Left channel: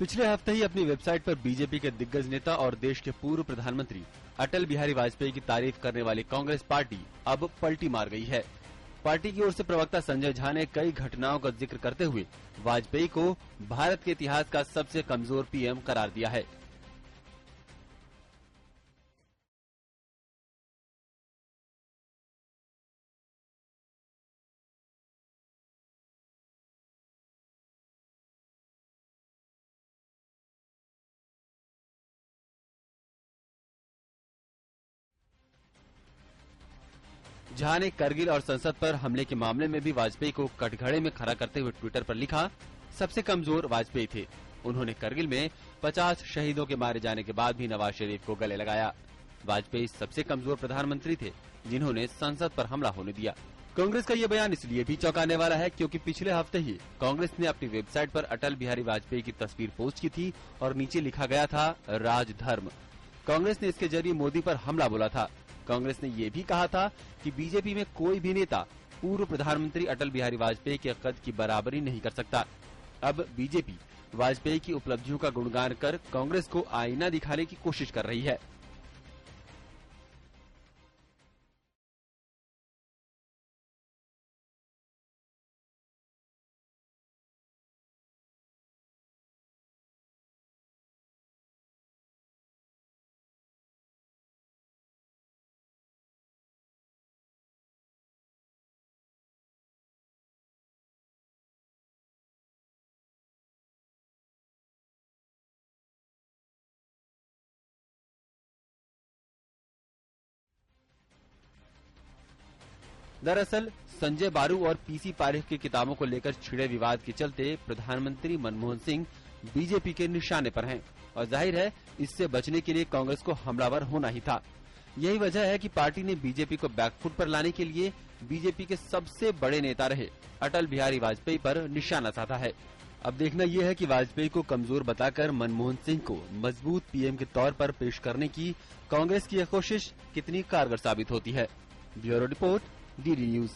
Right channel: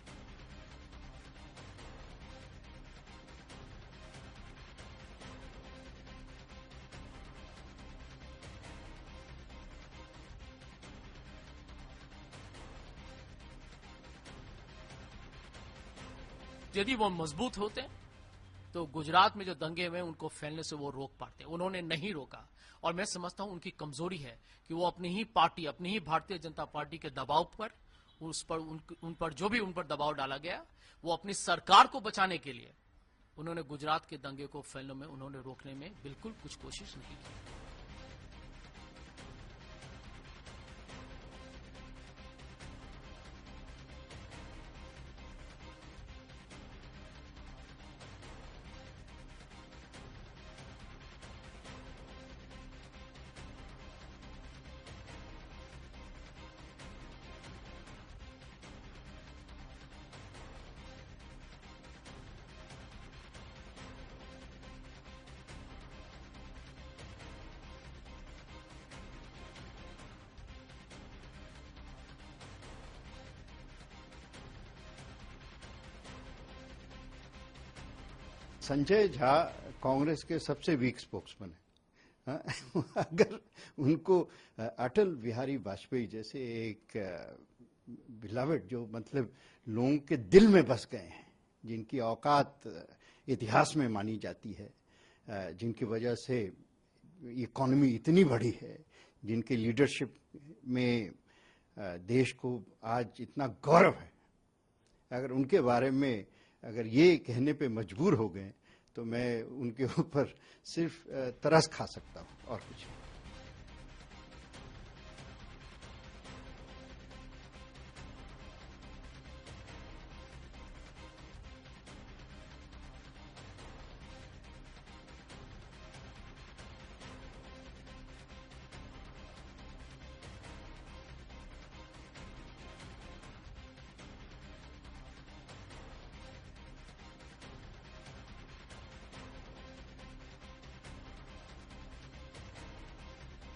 पिछले हफ्ते ही अपनी वेबसाइट पर बीजेपी के दिग्गज नेता और देश के पूर्व प्रधानमंत्री अटल बिहारी वाजपेयी की तारीफ करने वाली कांग्रेस पार्टी अब पलटी मार गई है। पार्टी की ओर से प्रवक्ता संजय झा ने कई घटनाओं का जिक्र करते हुए वाजपेयी को भारत के इतिहास का सबसे कमजोर पीएम करार दिया है। यदि वो मजबूत होते तो गुजरात में जो दंगे हुए उनको फैलने से वो रोक पाते। उन्होंने नहीं रोका और मैं समझता हूं उनकी कमजोरी है कि वो अपनी ही पार्टी, अपनी ही भारतीय जनता पार्टी के दबाव पर उन पर जो भी उन पर दबाव डाला गया, वो अपनी सरकार को बचाने के लिए उन्होंने गुजरात के दंगे को फैलने में उन्होंने रोकने में बिल्कुल कुछ कोशिश नहीं की। झा ने करगिल और संसद पर हमले के मामले में भी वाजपेयी को कटघरे में खड़ा करते हुए ट्विटर पर लिखा, सबसे कमजोर वाजपेयी थे। उन्होंने करगिल में 50 शहीदों के मारे जाने के बाद भी नवाज शरीफ को गले लगाया। वाजपेयी सबसे कमजोर प्रधानमंत्री थे जिन्होंने संसद पर हमला होने दिया। कांग्रेस का ये बयान इसलिए भी चौंकाने वाला है क्योंकि पिछले हफ्ते ही कांग्रेस ने अपनी वेबसाइट पर अटल बिहारी वाजपेयी की तस्वीर पोस्ट की थी और नीचे लिखा गया था राजधर्म। कांग्रेस ने इसके जरिए मोदी पर हमला बोला था। कांग्रेस ने ये भी कहा था कि बीजेपी में कोई भी नेता पूर्व प्रधानमंत्री अटल बिहारी वाजपेयी के कद की बराबरी नहीं कर सकता। अब बीजेपी वाजपेयी की उपलब्धियों का गुणगान कर कांग्रेस को आईना दिखाने की कोशिश कर रही है। संजय झा कांग्रेस के सबसे वीक स्पोक्समैन है। अगर उनको अटल बिहारी वाजपेयी जैसे एक बिलावट, जो मतलब लोगों के दिल में बस गए हैं, जिनकी औकात इतिहास में मानी जाती है, जिनकी वजह से इकोनॉमी इतनी बड़ी है, जिनके लीडरशिप में देश को आज इतना गौरव है, अगर उनके बारे में अगर ये कहने पे मजबूर हो गए तो मैं उनके ऊपर सिर्फ तरस खा सकता हूँ और कुछ। दरअसल संजय बारू और पीसी पारेख की किताबों को लेकर छिड़े विवाद के चलते प्रधानमंत्री मनमोहन सिंह बीजेपी के निशाने पर हैं और जाहिर है इससे बचने के लिए कांग्रेस को हमलावर होना ही था। यही वजह है कि पार्टी ने बीजेपी को बैकफुट पर लाने के लिए बीजेपी के सबसे बड़े नेता रहे अटल बिहारी वाजपेयी पर निशाना साधा है। अब देखना यह है कि वाजपेयी को कमजोर बताकर मनमोहन सिंह को मजबूत पीएम के तौर पर पेश करने की कांग्रेस की यह कोशिश कितनी कारगर साबित होती है। Bureau report, DD news.